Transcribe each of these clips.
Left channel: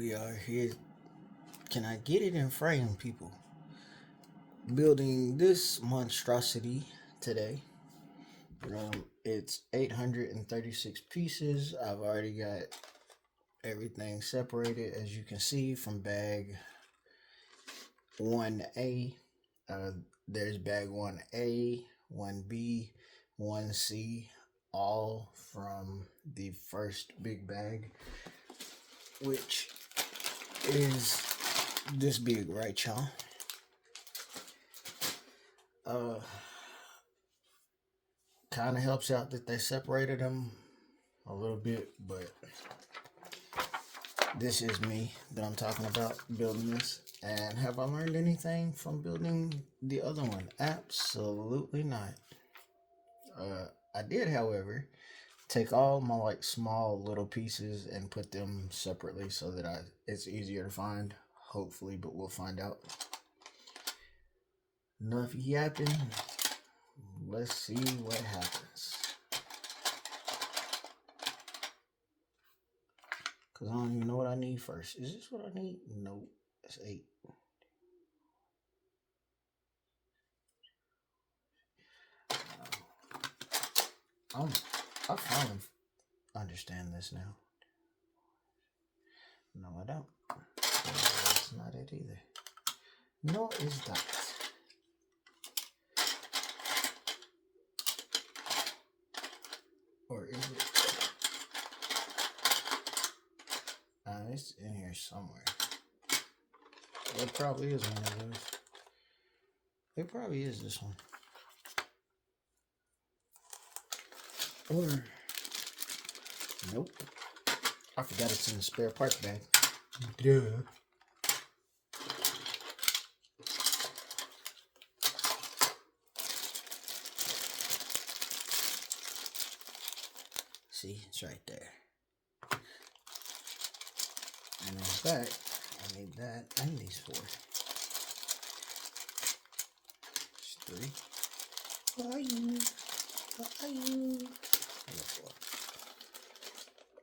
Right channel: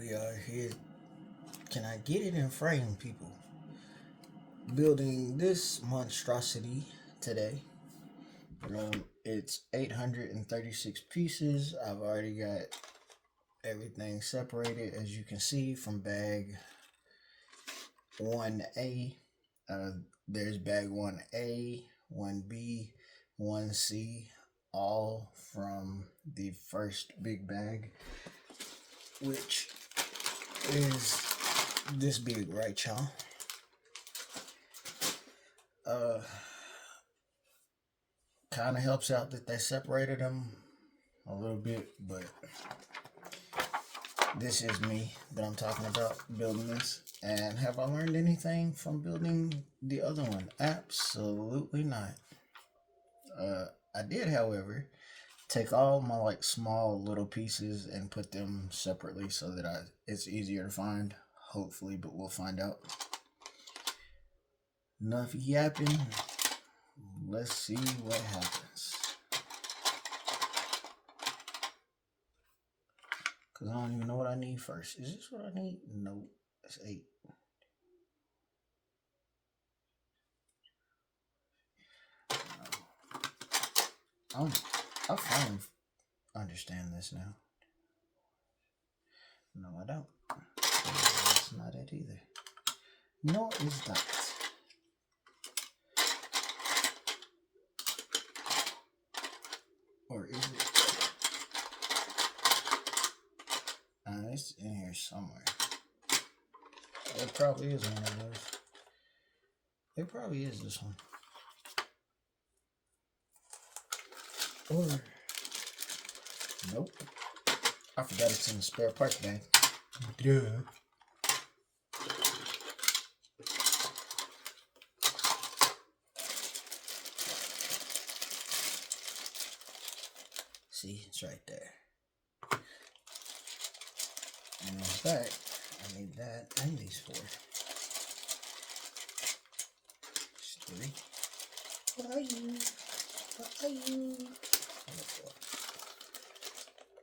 We are here. Can I get it in frame, people? Building this monstrosity today. It's 836 pieces. I've already got everything separated, as you can see, from bag 1A. There's bag 1A, 1B, 1C, all from the first big bag, which is this big, right, y'all? Kind of helps out that they separated them a little bit, but this is me that I'm talking about building this. And have I learned anything from building the other one? Absolutely not. I did, however, take all my small little pieces and put them separately so that it's easier to find, hopefully, but we'll find out. Enough yapping. Let's see what happens. Because I don't even know what I need first. Is this what I need? No, that's 8. I finally understand this now. No, I don't. That's not it either. No, it's not. Or is it? It's in here somewhere. It probably is one of those. It probably is this one. Or, nope. I forgot it's in the spare parts bag. Duh. See, it's right there. And in fact, I need that and these 4. There's 3. Why you? Why you?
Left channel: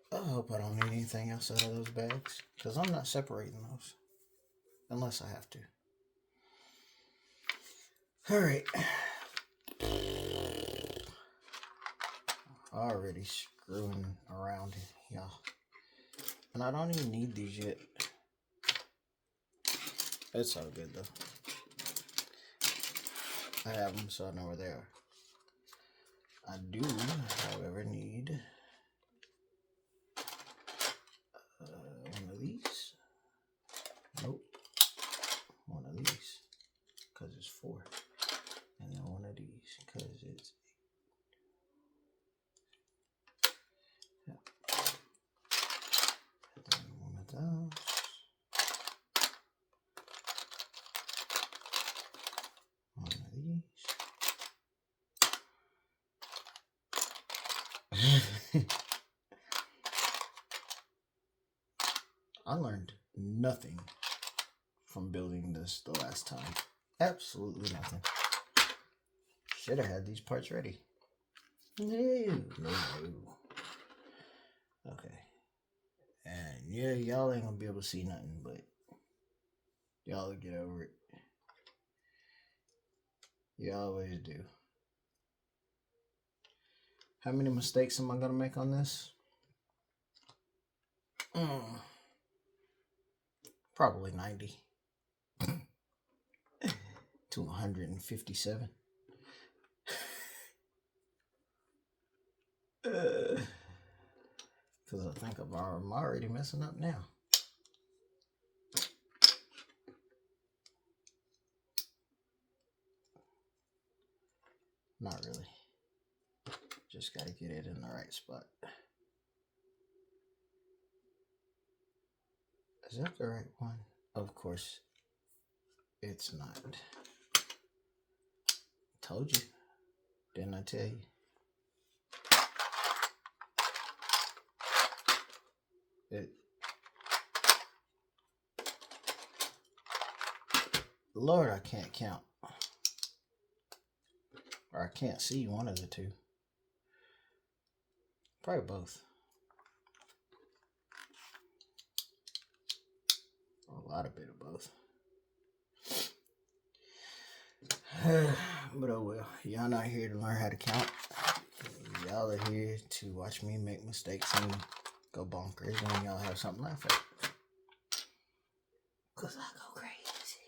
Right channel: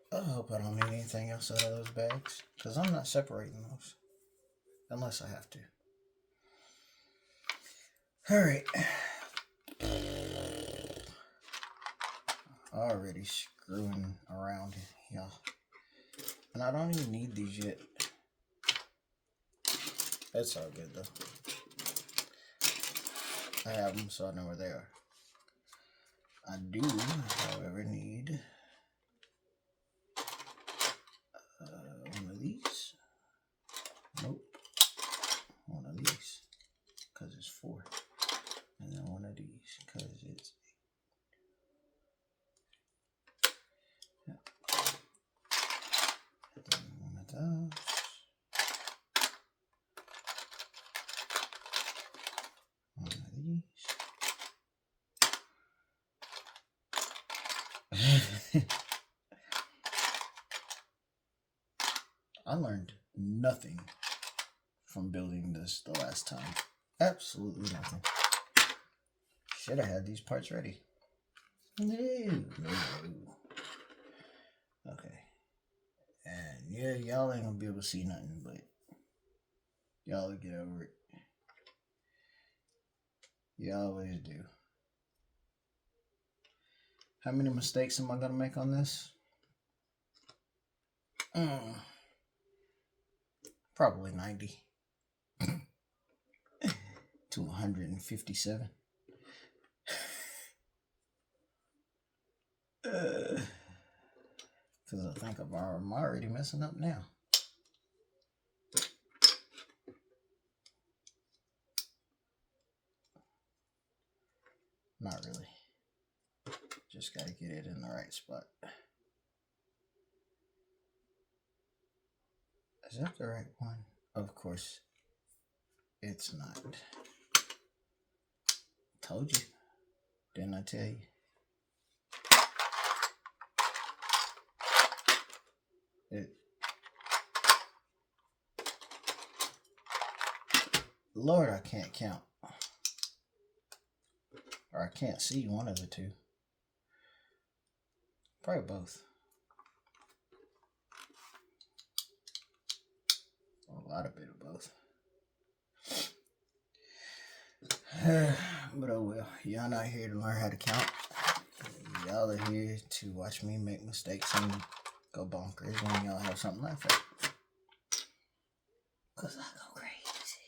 I hope I don't need anything else out of those bags, because I'm not separating those unless I have to. Alright. Already screwing around, y'all. And I don't even need these yet. It's all good though. I have them, so I know where they are. I do, however, need one of these. Nope. One of these, because it's 4. And then one of these, because it's 8. Yeah. And then one of those. One of these. I learned nothing from building this the last time. Absolutely nothing. Should have had these parts ready. No. Okay. And yeah, y'all ain't gonna be able to see nothing, but y'all get over it. You always do. How many mistakes am I gonna make on this? Probably 90 to 157. Because I think I'm already messing up now. Not really. Just got to get it in the right spot. Is that the right one? Of course, it's not. Told you. Didn't I tell you? Lord, I can't count. Or I can't see one of the two. Probably both. lot of bit of both. But oh well, y'all not here to learn how to count. Y'all are here to watch me make mistakes and go bonkers when y'all have something to laugh at. Cause I go crazy.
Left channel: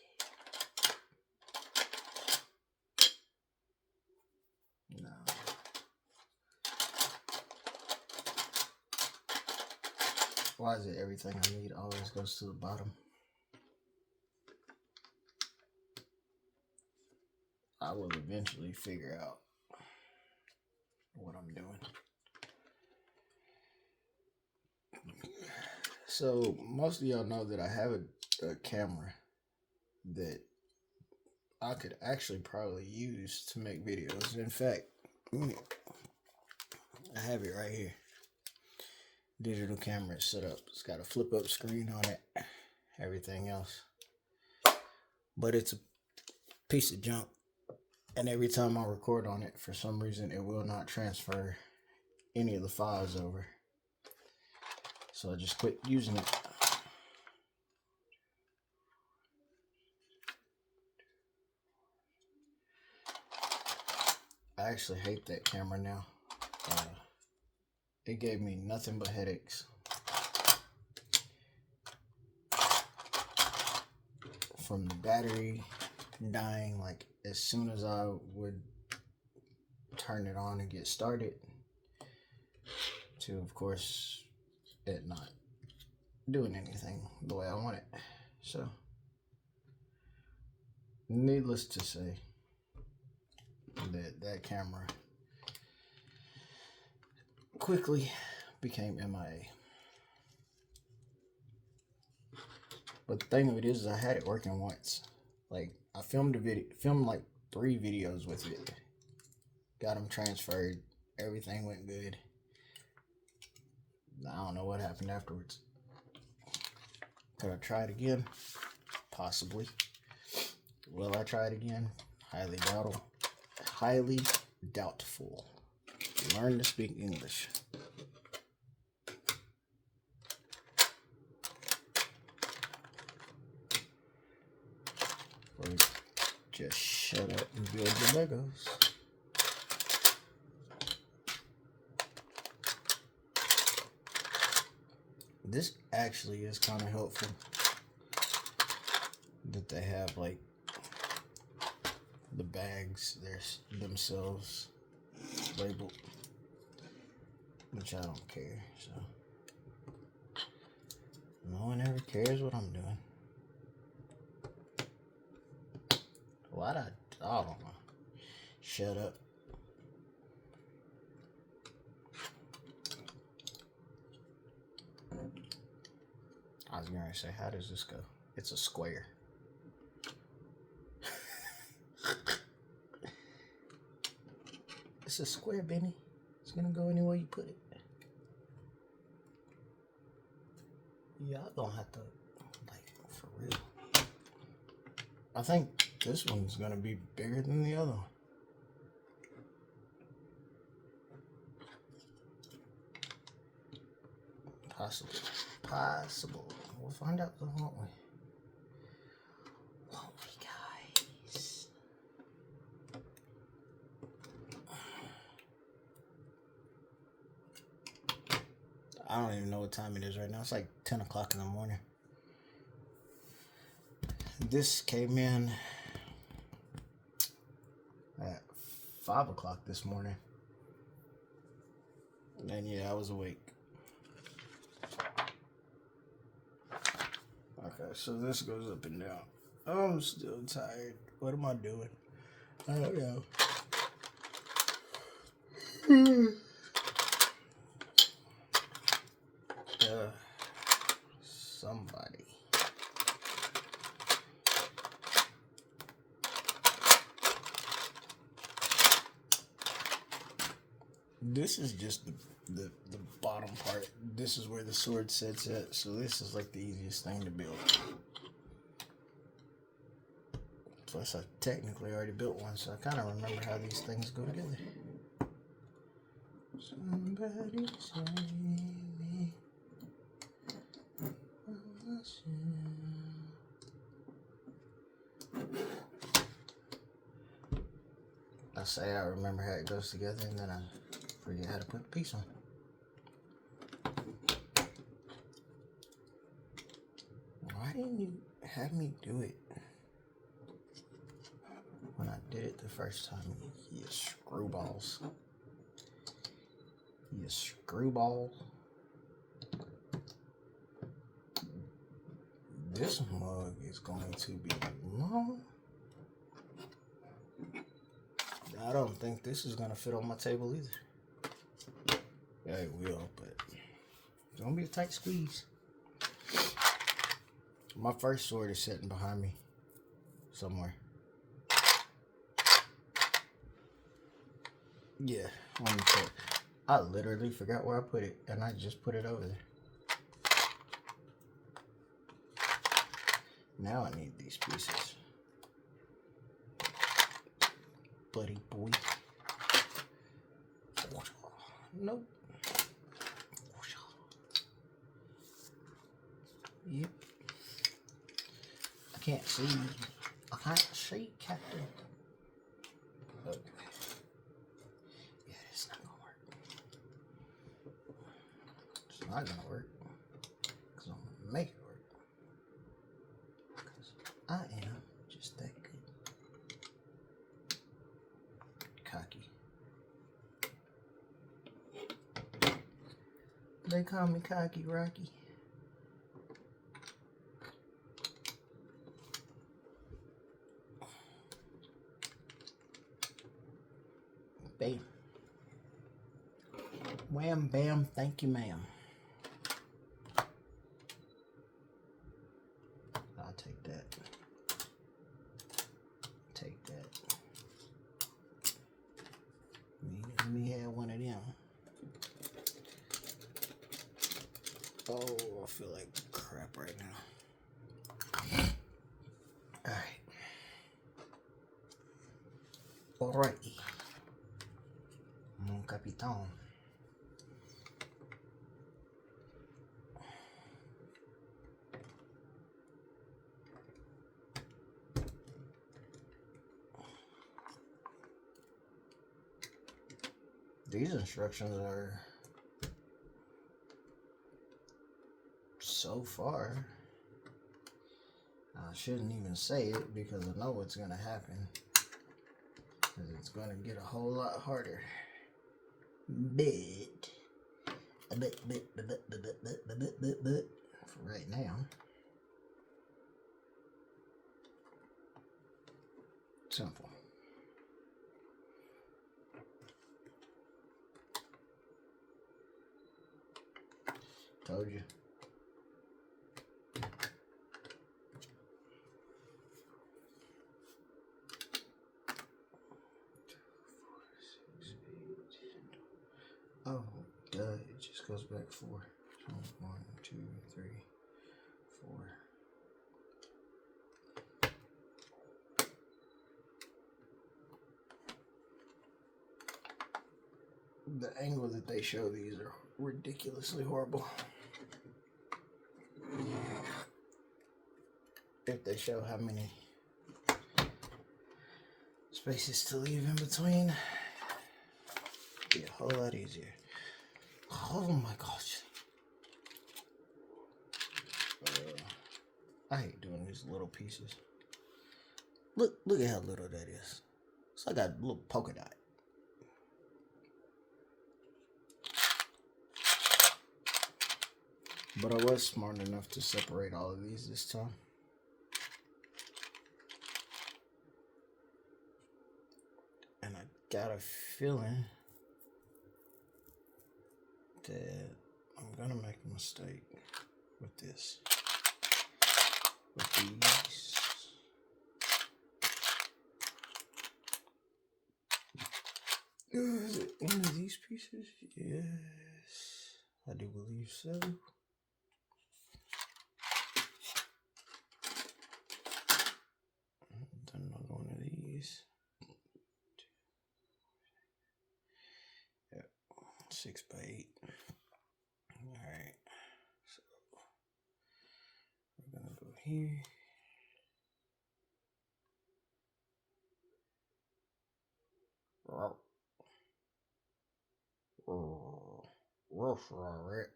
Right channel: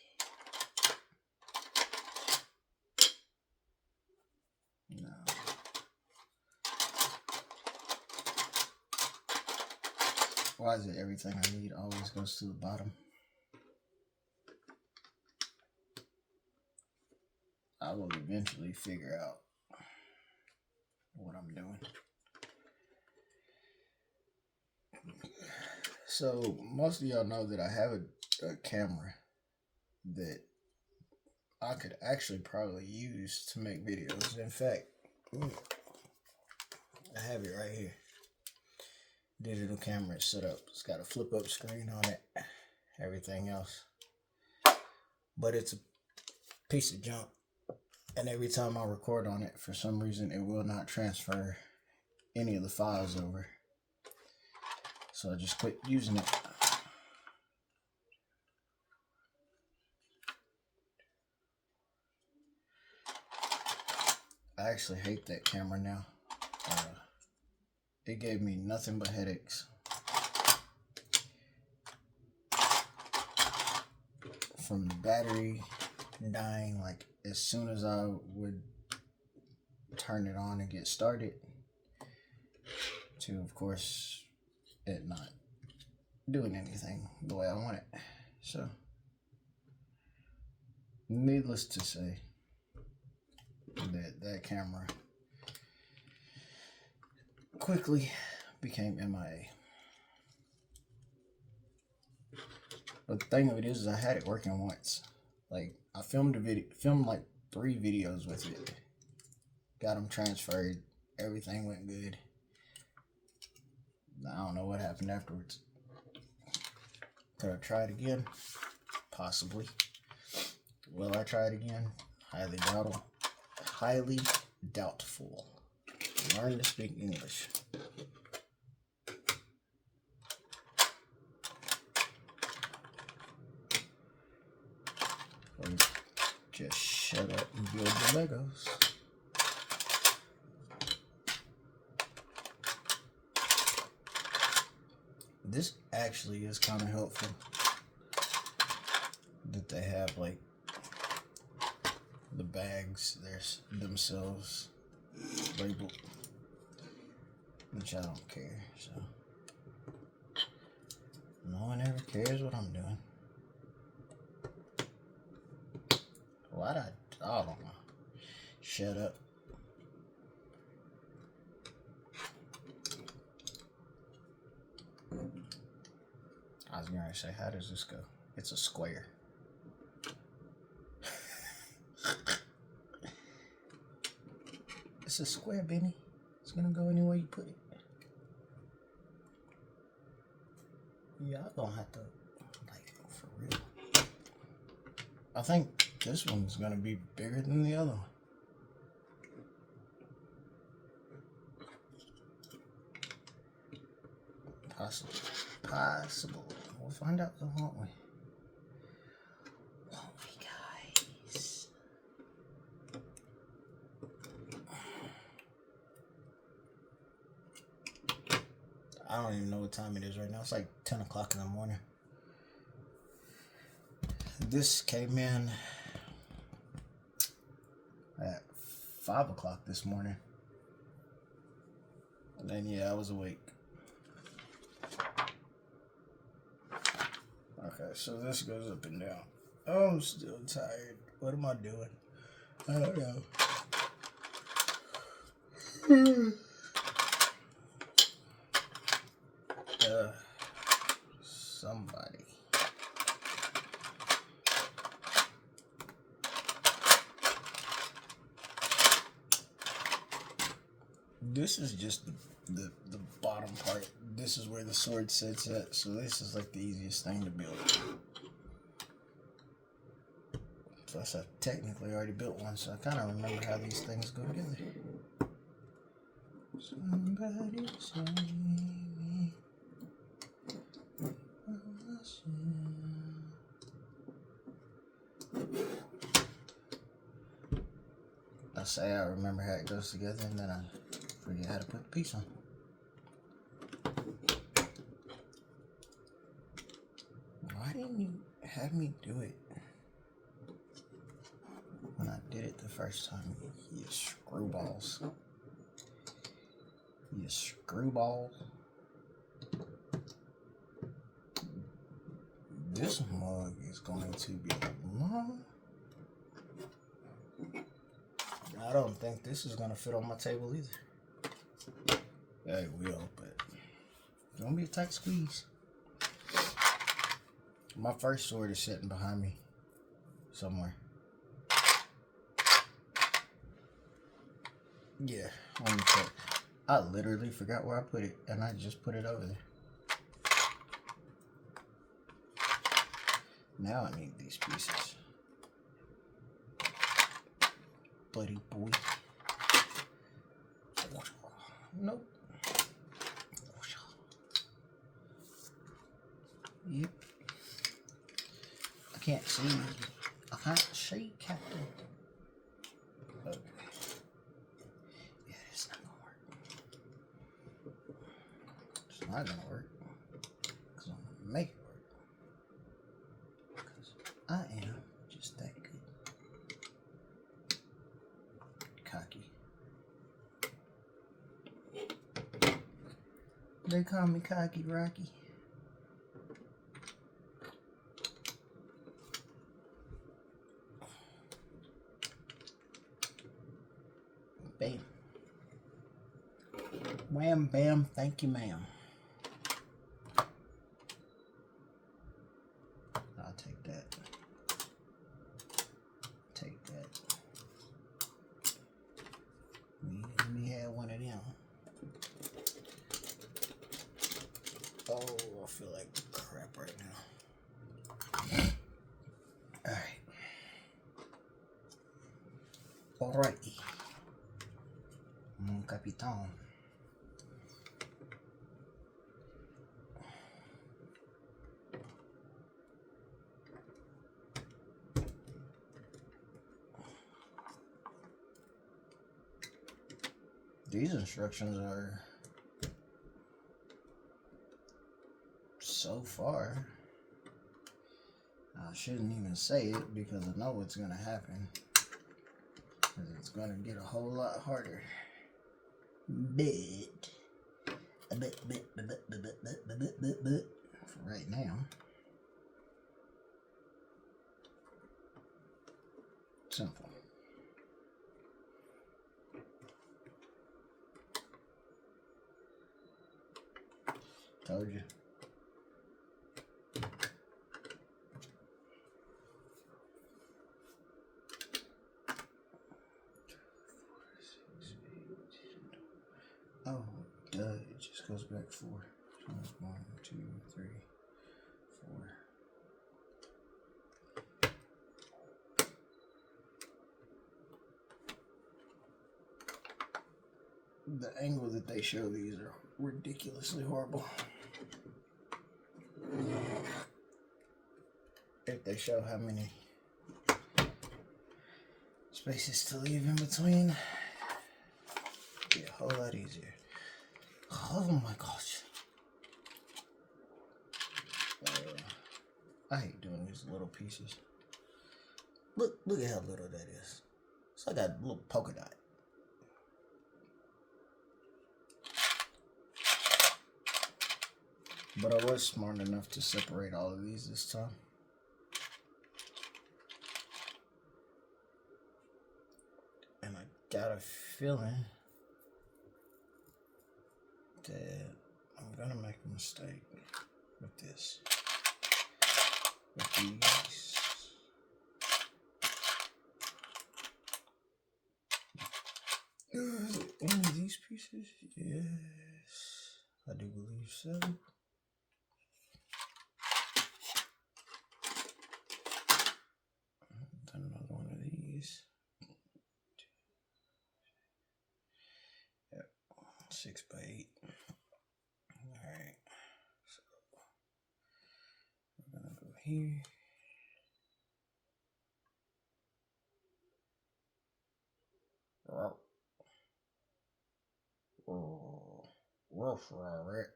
No. Why is it everything I need always goes to the bottom? I will eventually figure out what I'm doing. So most of y'all know that I have a camera that I could actually probably use to make videos. In fact, I have it right here. Digital camera set up. It's got a flip up screen on it. Everything else. But it's a piece of junk. And every time I record on it, for some reason, it will not transfer any of the files over. So I just quit using it. I actually hate that camera now. It gave me nothing but headaches. From the battery dying, like as soon as I would turn it on and get started, to of course it not doing anything the way I want it. So needless to say that camera quickly became MIA. But the thing of it is I had it working once. Like I filmed like 3 videos with it. Got them transferred. Everything went good. I don't know what happened afterwards. Could I try it again? Possibly. Will I try it again? Highly doubtful. Learn to speak English. Or just shut up and build your Legos. This actually is kind of helpful that they have like the bags themselves labeled, which I don't care. So no one ever cares what I'm doing. I don't know. Shut up. I was gonna say, how does this go? It's a square. It's a square, Benny. It's gonna go anywhere you put it. Y'all gonna have to, like, for real. I think this one's gonna be bigger than the other one. Possible. We'll find out, though, won't we? Won't we, guys? I don't even know what time it is right now. It's like 10 o'clock in the morning. This came in at 5 o'clock this morning. And then, yeah, I was awake. Okay, so this goes up and down. I'm still tired. What am I doing? I don't know. Somebody. This is just the bottom part. This is where the sword sits at, so this is like the easiest thing to build. Plus I technically already built one, so I kind of remember how these things go together. Somebody save me. say I remember how it goes together, and then I forget how to put the piece on. Why didn't you have me do it when I did it the first time? You screwballs. You screwball. This mug is going to be long. I don't think this is going to fit on my table either. Yeah, it will, but it's going to be a tight squeeze. My first sword is sitting behind me somewhere. Yeah, let me check. I literally forgot where I put it, and I just put it over there. Now I need these pieces. Buddy boy. Nope. Yep. I can't see. I can't see, Captain. Okay. Yeah, it's not gonna work. It's not gonna work. Because I'm gonna make it work. Because I am just that good. Cocky. They call me Cocky Rocky. Bam. Wham, bam, thank you, ma'am. I'll take that. Take that. Let me have one of them. Oh, I feel like crap right now. Alright. Alrighty. Mon capitan. These instructions are so far. I shouldn't even say it because I know what's going to happen. It's going to get a whole lot harder. But for right now, simple. Told you. Oh, duh, it just goes back 4. 1, 2, 3, 4. The angle that they show these are ridiculously horrible. If they show how many spaces to leave in between, it'd be a whole lot easier. Oh my gosh. I hate doing these little pieces. Look at how little that is. It's like a little polka dot. But I was smart enough to separate all of these this time. And I got a feeling that I'm gonna make a mistake with this. With these. Is it any of these pieces? Yes, I do believe so. Done another one of these. Yep, 6 by 8. Alright, so we're gonna go here. Alright.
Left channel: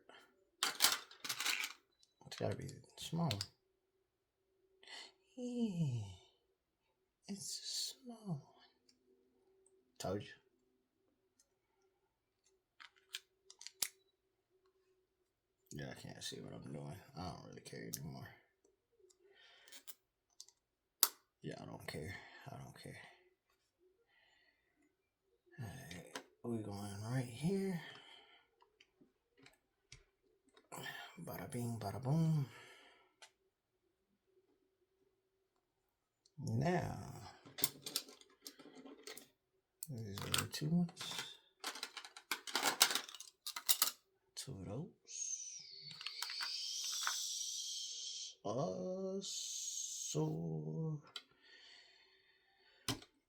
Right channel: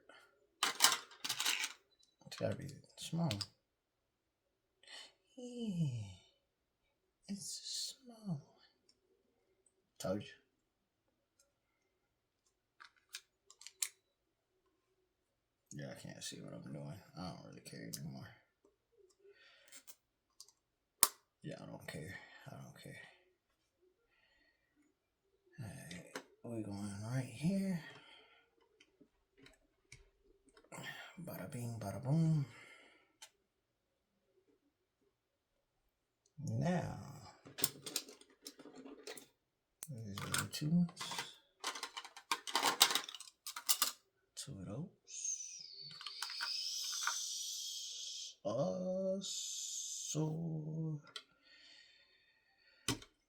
It's gotta be small. Yeah, it's small. Told you. Yeah, I can't see what I'm doing. I don't really care anymore. Yeah, I don't care. I don't care. Alright, we're going right here. Bada bing, bada boom. Now, these are the two ones. Two of those. So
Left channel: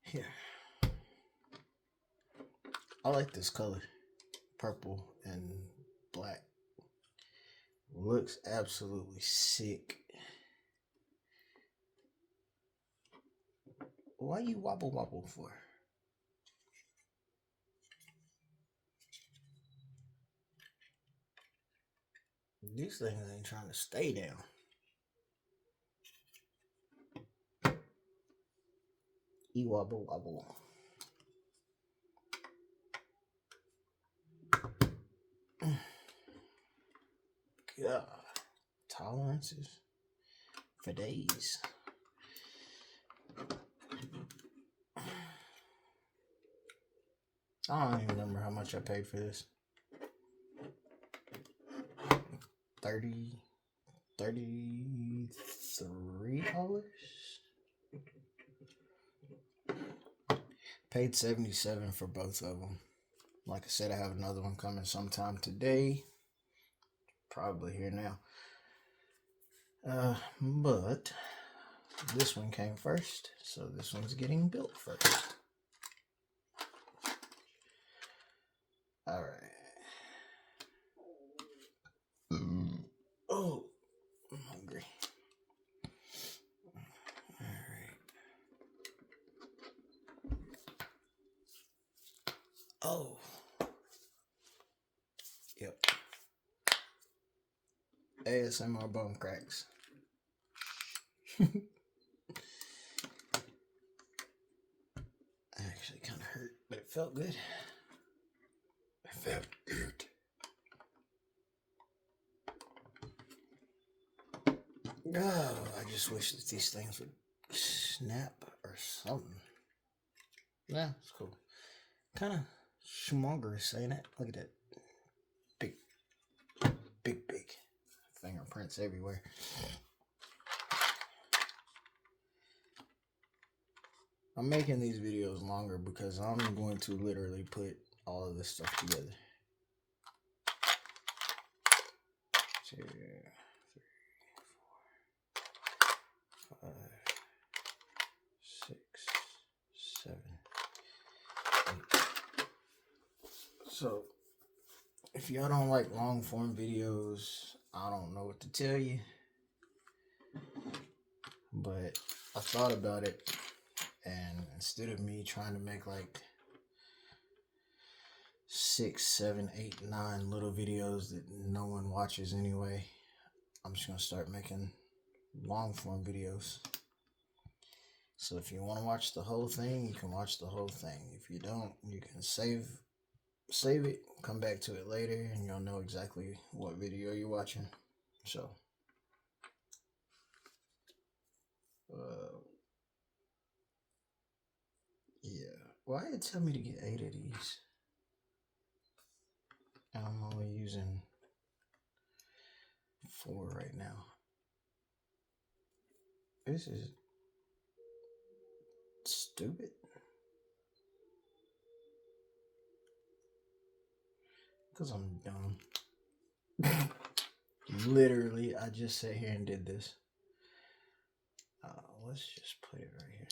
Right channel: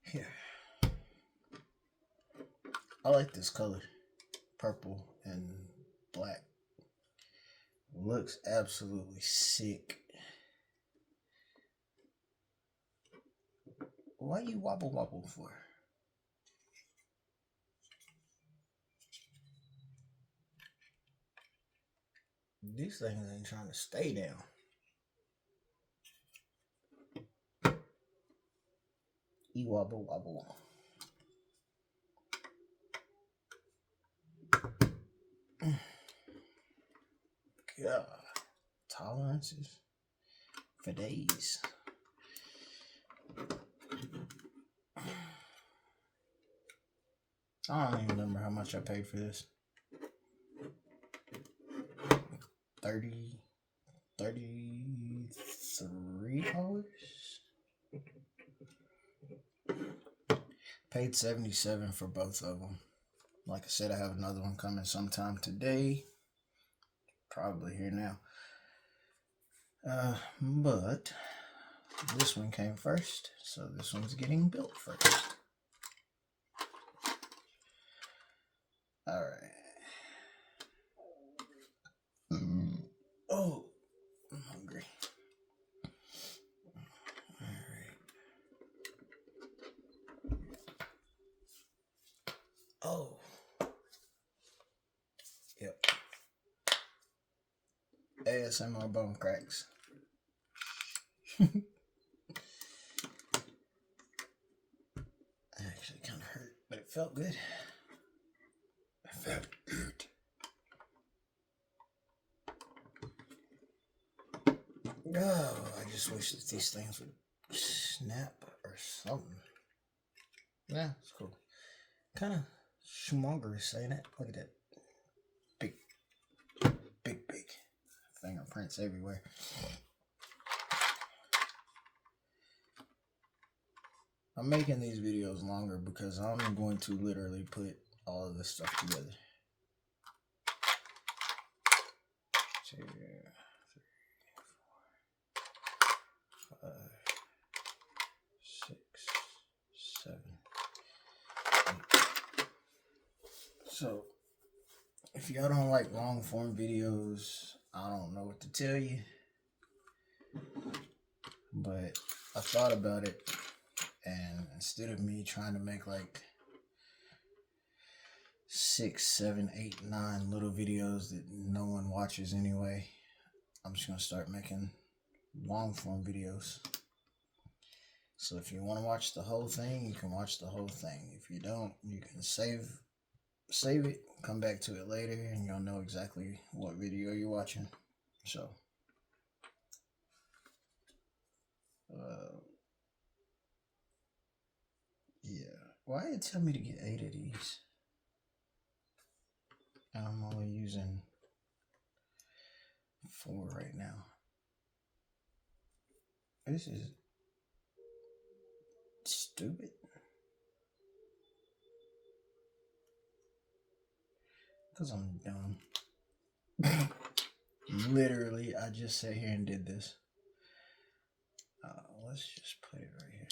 here. I like this color. Purple and black. Looks absolutely sick. Why you wobble for? These things ain't trying to stay down. You wobble. God. Tolerances for days. I don't even remember how much I paid for this. $33. Paid $77 for both of them. Like I said, I have another one coming sometime today. Probably here now. But this one came first, so this one's getting built first. All right. Oh, I'm hungry. All right. Oh. Yep. ASMR bone cracks. Actually kind of hurt, but it felt good. It felt good. Oh, I just wish that these things would snap or something. Yeah, it's cool. Kind of schmoggerous, ain't it? Look at that. Big fingerprints everywhere. I'm making these videos longer because I'm going to literally put all of this stuff together. 2, 3, 4, 5, 6, 7, 8. So, if y'all don't like long form videos, I don't know what to tell you. But I thought about it, and instead of me trying to make like 6, 7, 8, 9 little videos that no one watches anyway, I'm just gonna start making long form videos. So if you want to watch the whole thing, you can watch the whole thing. If you don't, you can save it, come back to it later, and you'll know exactly what video you're watching. So yeah. Why did it tell me to get 8 of these? And I'm only using 4 right now. This is stupid. Because I'm dumb. Literally, I just sat here and did this. Let's just put it right here.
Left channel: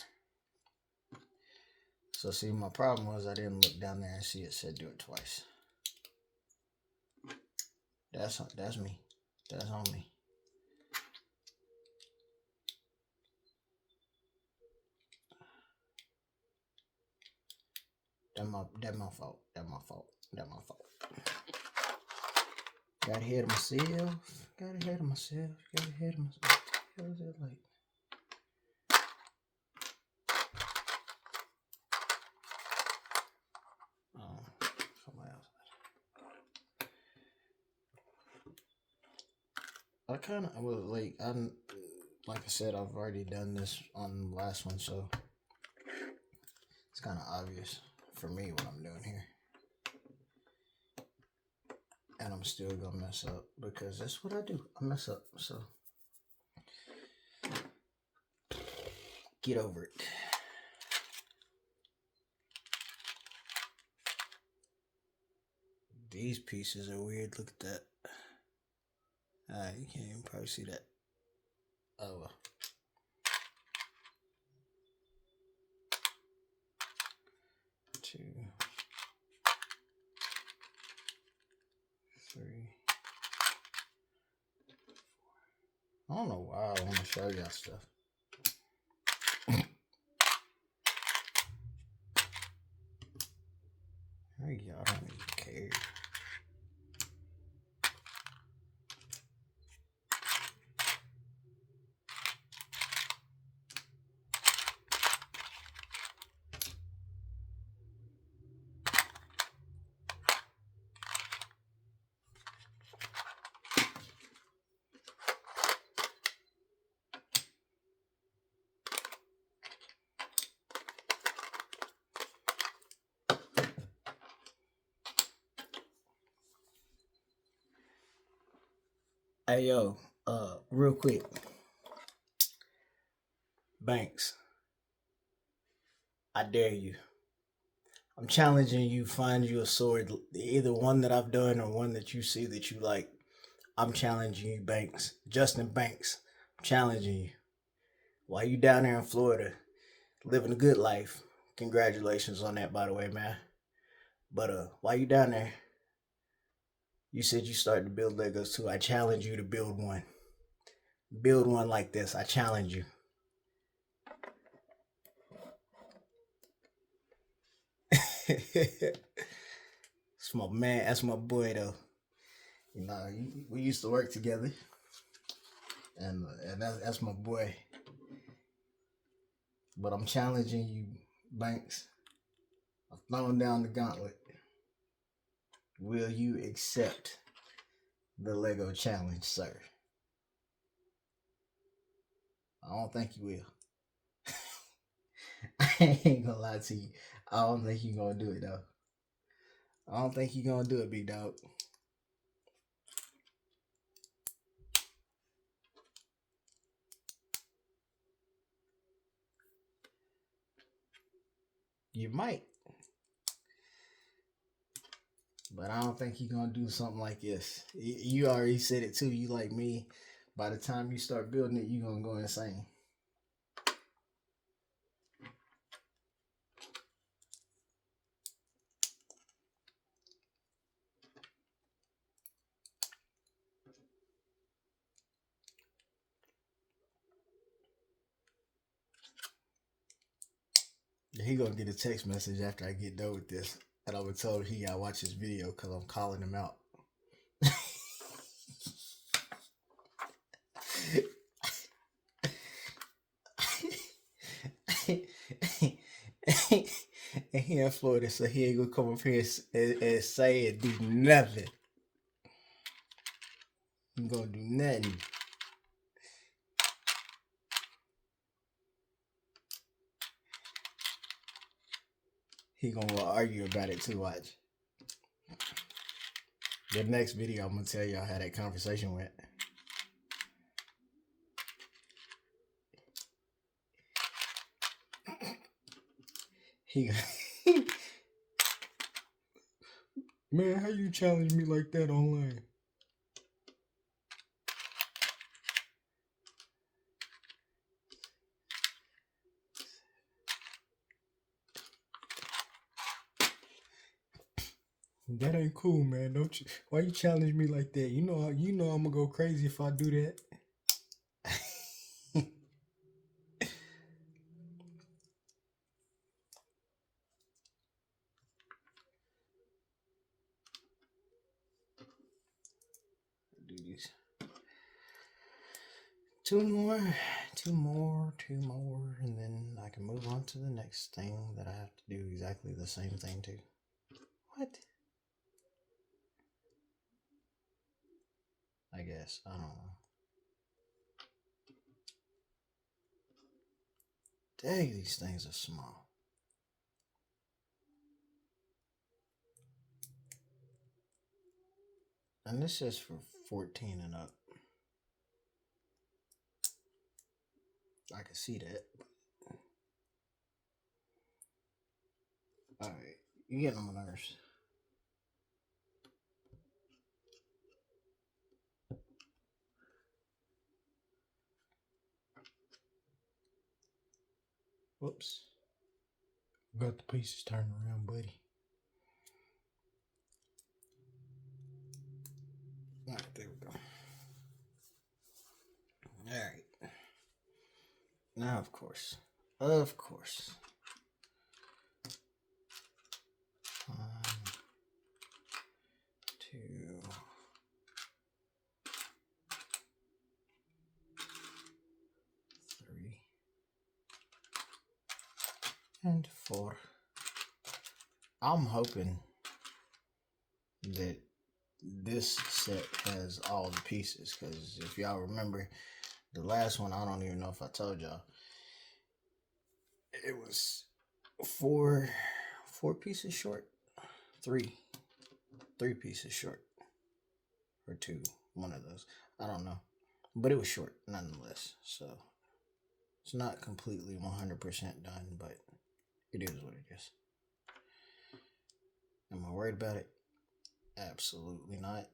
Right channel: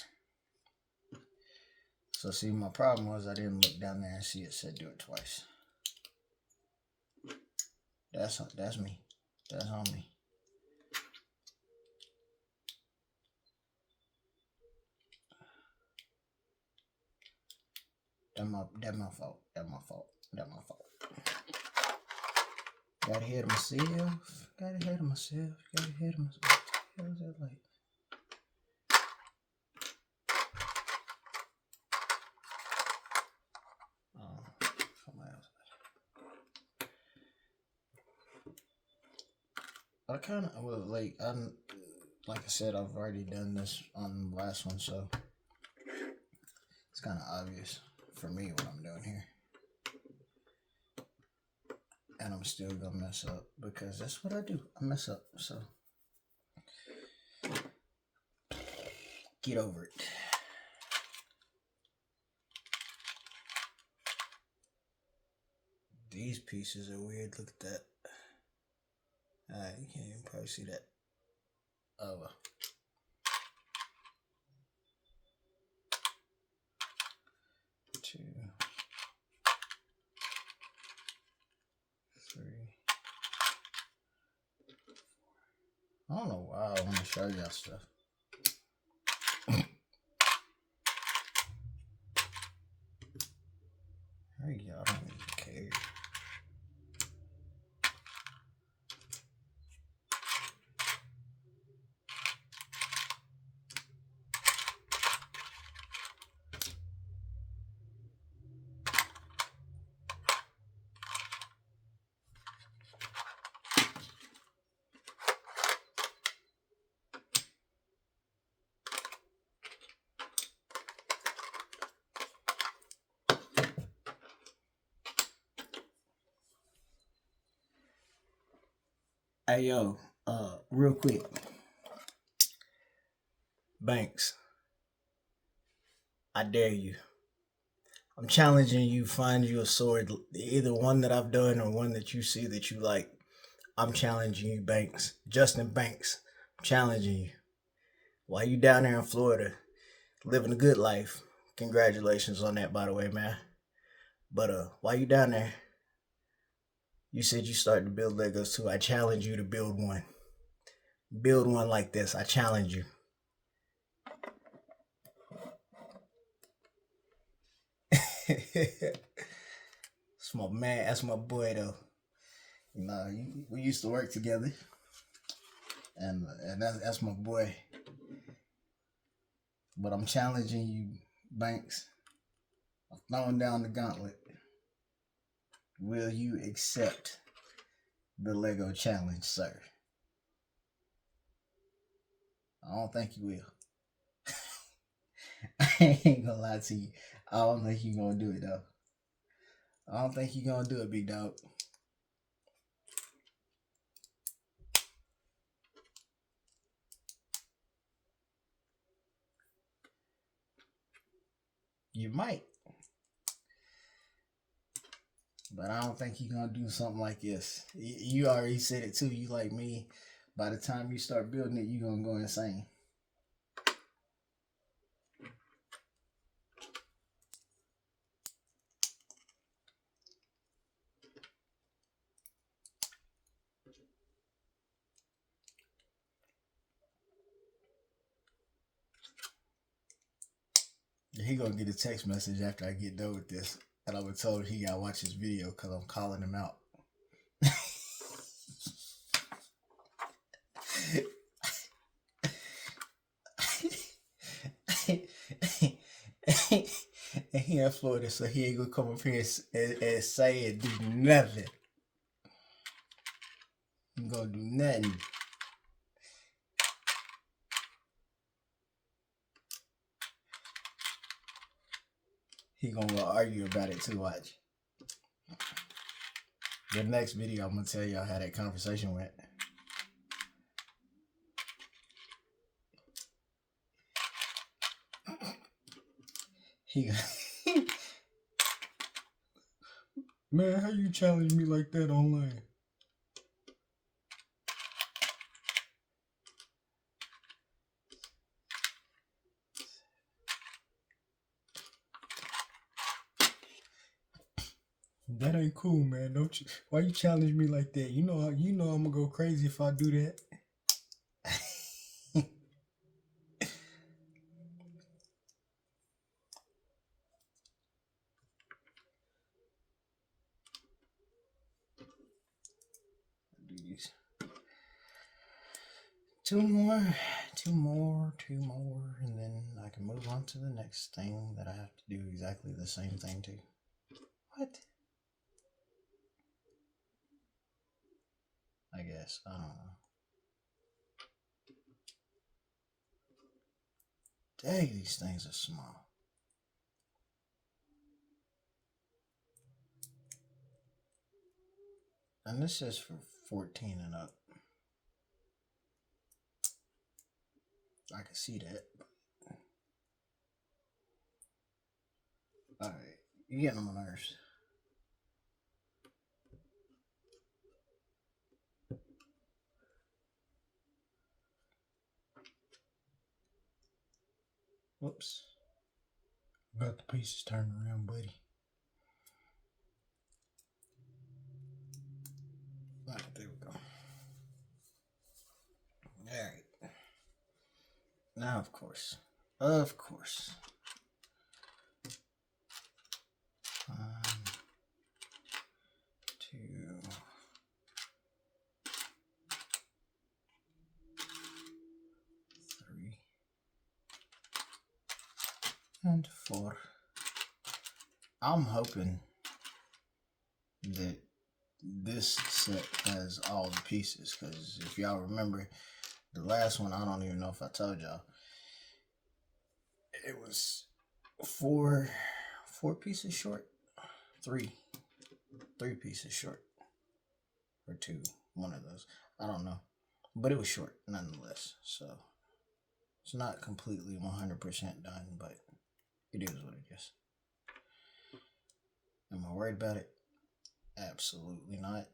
So see, my problem was I didn't look down there and see it said do it twice. That's me. That's on me. That's my fault. Got ahead of myself. Got ahead of myself. Got ahead of myself. What was that like? Oh, somebody else. I kind of like like I said, I've already done this on the last one, so it's kind of obvious for me what I'm doing here, and I'm still gonna mess up because that's what I do. I mess up, so get over it. These pieces are weird. Look at that. Alright, you can't even probably see that. Oh well. 2, 3. I don't know why I want to show y'all stuff. There you go. I don't even care. Hey yo, real quick, Banks, I dare you. I'm challenging you. Find you a sword, either one that I've done or one that you see that you like. I'm challenging you, Banks. Justin Banks, I'm challenging you. While you down there in Florida, living a good life. Congratulations on that, by the way, man. But while you down there, you said you started to build Legos too. I challenge you to build one. Build one like this. I challenge you. That's my man. That's my boy, though. You know, we used to work together, and that's my boy. But I'm challenging you, Banks. I'm throwing down the gauntlet. Will you accept the Lego challenge, sir? I don't think you will. I ain't gonna lie to you. I don't think you're gonna do it though. I don't think you're gonna do it, big dog. You might, but I don't think you're gonna do something like this. You already said it too. You like me. By the time you start building it, you're gonna go insane. He gonna get a text message after I get done with this, and I would tell him he gotta watch this video because I'm calling him out. And he in Florida, so he ain't gonna come up here and say and do nothing. He gonna do nothing. He gonna argue about it too. Watch. The next video, I'm gonna tell y'all how that conversation went. He, man, how you challenge me like that online? That ain't cool, man. Don't you? Why you challenge me like that? You know I'm gonna go crazy if I do that. these. Two more, and then I can move on to the next thing that I have to do exactly the same thing to. What? I guess. I don't know. Dang, these things are small. And this is for 14 and up. I can see that. Alright, you're getting on my nerves. Whoops. Got the pieces turned around, buddy. Alright, there we go. Alright. Now, of course. 1, 2, 3, and 4. I'm hoping that this set has all the pieces, because if y'all remember the last one, I don't even know if I told y'all, it was four pieces short, three pieces short, or 2, one of those, I don't know, but it was short nonetheless. So it's not completely 100% done, but it is what it is. Am I worried about it? Absolutely not.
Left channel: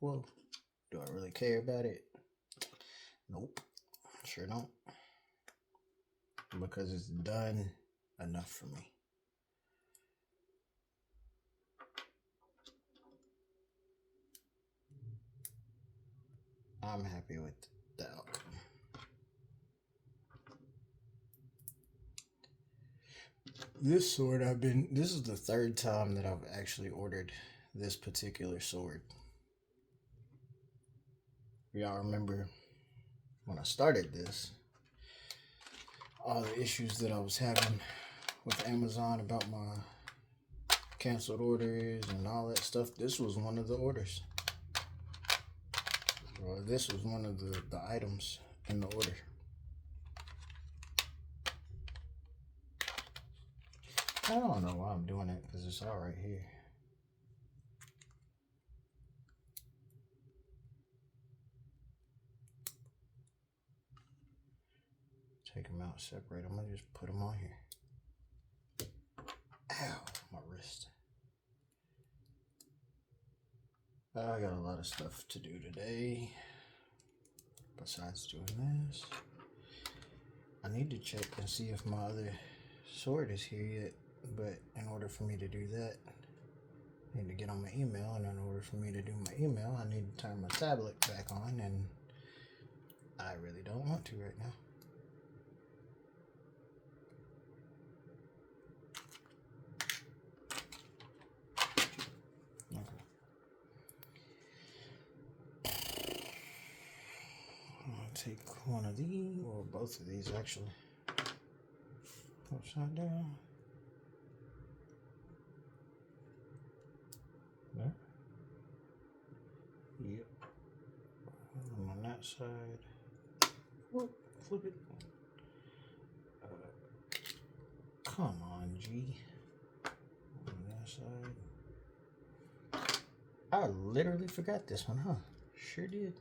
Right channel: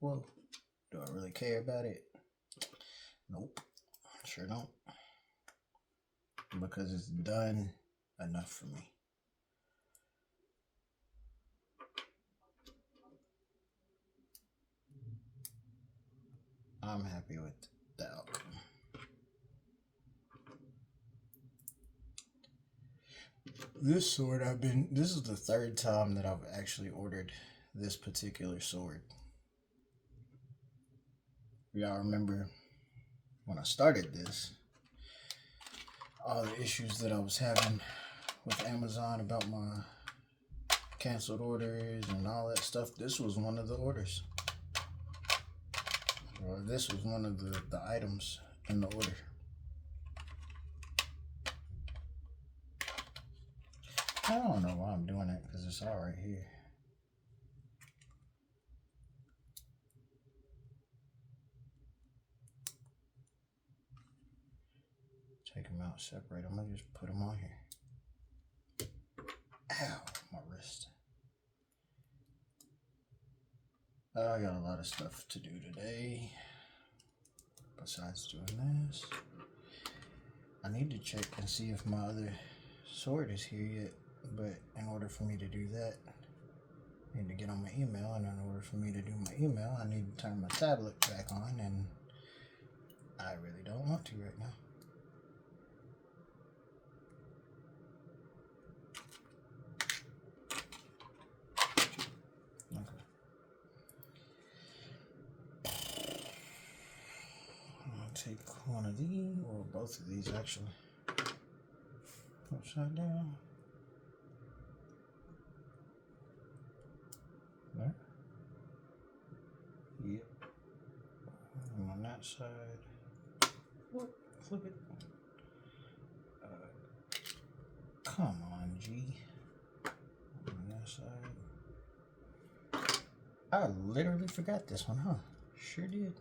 Well, do I really care about it? Nope, sure don't. Because it's done enough for me. I'm happy with the outcome. This sword this is the 3rd time that I've actually ordered this particular sword. Y'all remember when I started this, all the issues that I was having with Amazon about my canceled orders and all that stuff. This was one of the orders. Or this was one of the items in the order. I don't know why I'm doing it, because it's all right here. Take them out, separate them. I just put them on here. Ow, my wrist. I got a lot of stuff to do today besides doing this. I need to check and see if my other sword is here yet, but in order for me to do that, I need to get on my email, and in order for me to do my email, I need to turn my tablet back on, and I really don't want to right now. Take one of these, or both of these actually, upside down. There. Yep. And on that side. Whoop, flip it. Come on, G. On that side. I literally forgot this one, huh? Sure did.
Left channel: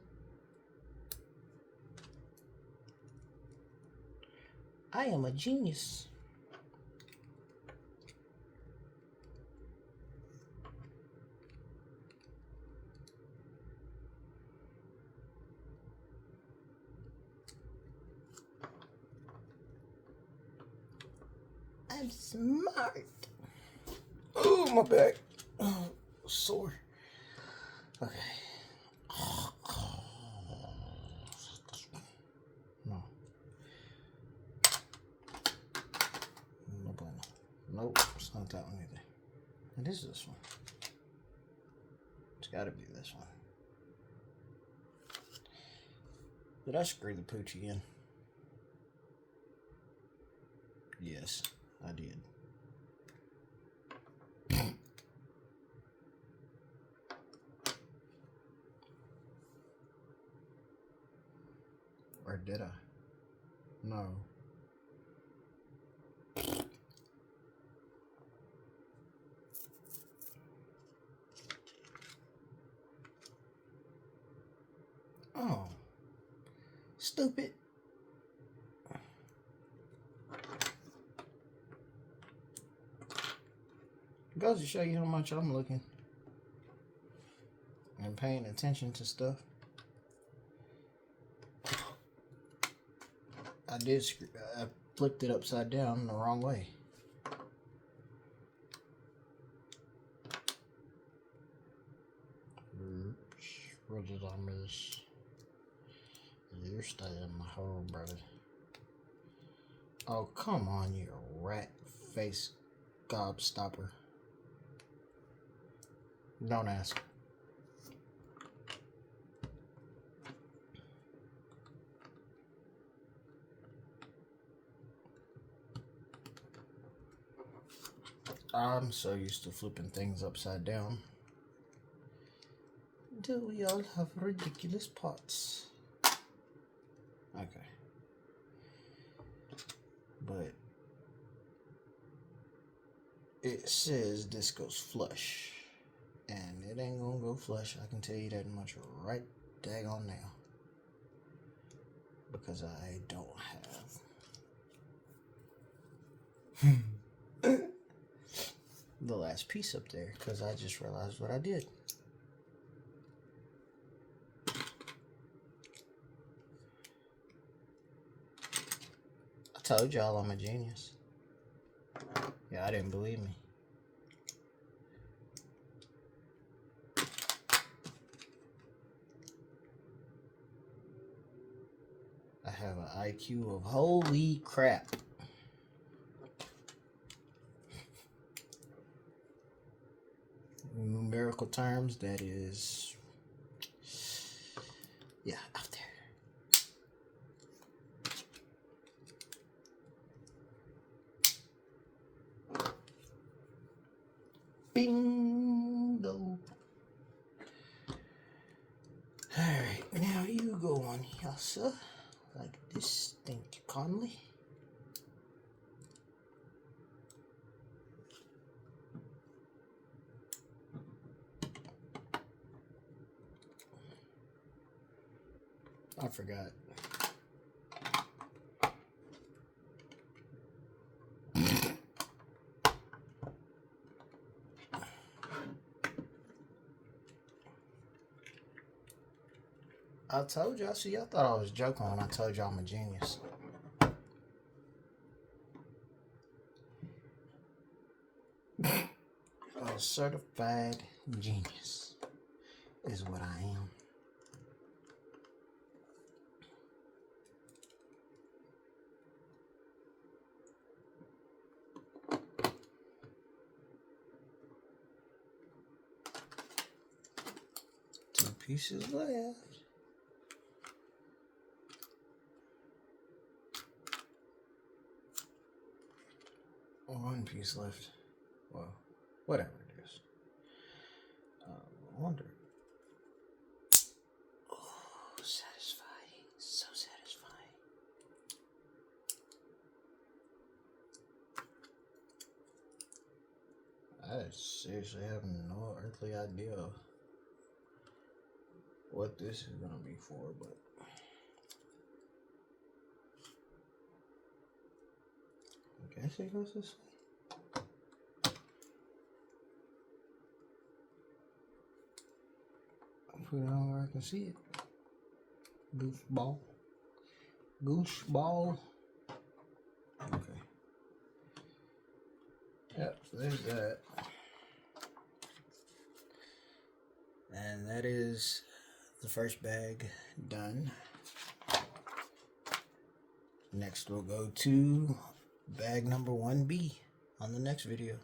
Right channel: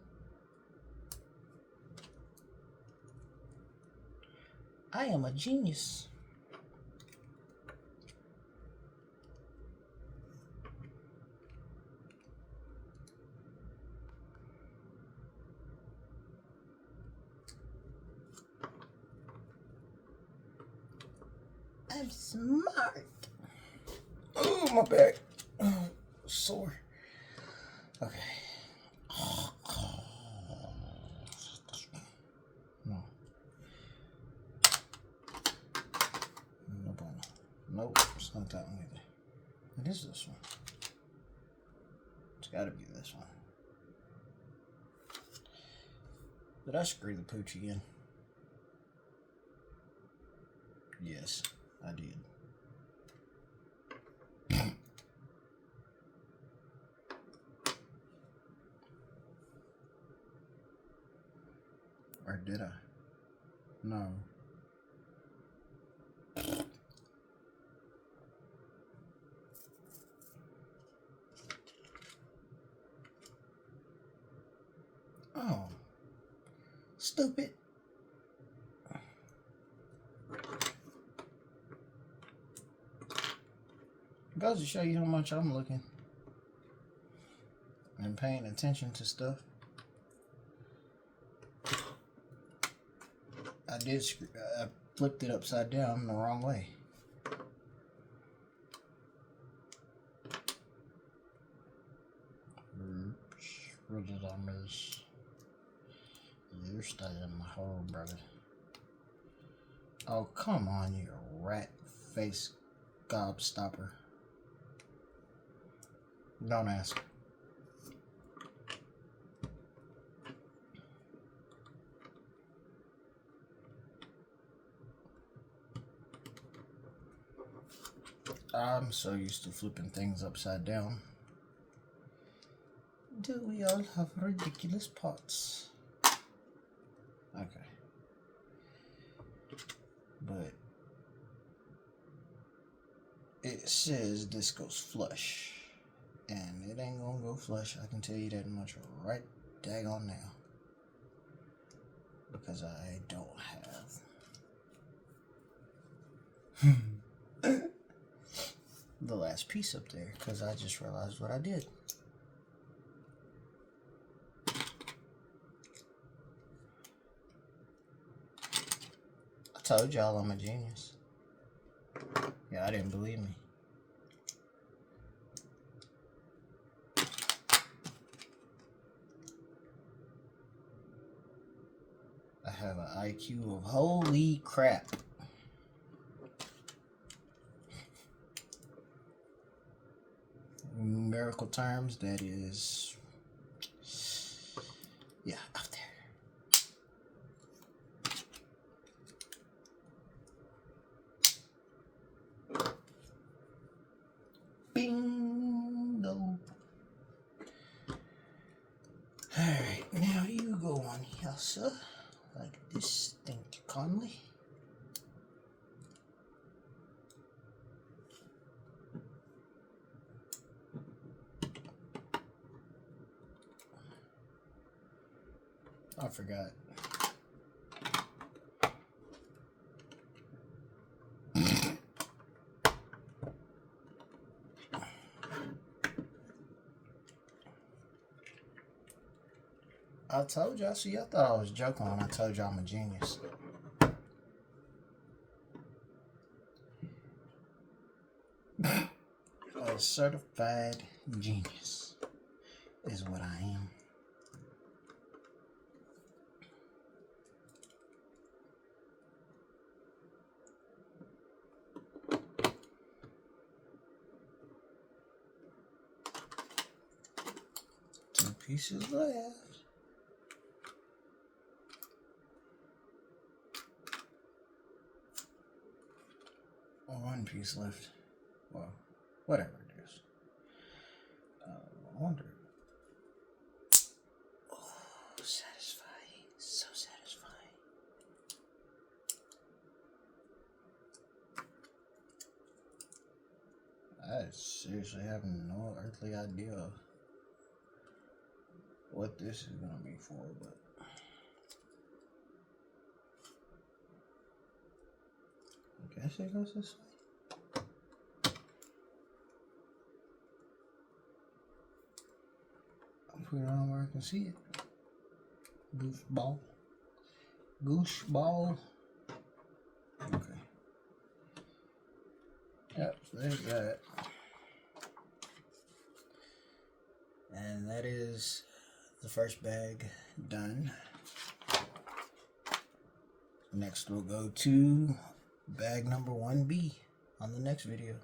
I am a genius. I'm smart. Oh, my back. Sore. Okay. No. Nope, it's not that one either. It is this one. It's gotta be this one. Did I screw the pooch again? Yes, I did. Or did I? No. Oh. Stupid. Goes to show you how much I'm looking and paying attention to stuff. I flipped it upside down the wrong way. Oops, what did I miss? You're staying in the hole, brother. Oh, come on, you rat face gobstopper. Don't ask. I'm so used to flipping things upside down. Do we all have ridiculous pots? Okay. But it says this goes flush. And it ain't gonna go flush. I can tell you that much right daggone now. Because I don't have the last piece up there. Because I just realized what I did. I told y'all I'm a genius. Yeah, I didn't believe me. I have an IQ of holy crap. In numerical terms, that is, yeah, out there. Bingo. Alright, now you go on here, sir. Like this, thank you kindly. I forgot. I told y'all, see, I thought I was joking when I told y'all I'm a genius. A certified genius is what I am. Two pieces left. One piece left. Well, whatever it is. I wonder. Oh, satisfying. So satisfying. I seriously have no earthly idea what this is going to be for, but I guess it goes this way. I'll put it on where I can see it. Goofball. Gooseball. Okay. Yep, there's that. And that is the first bag done. Next we'll go to bag number 1B on the next video.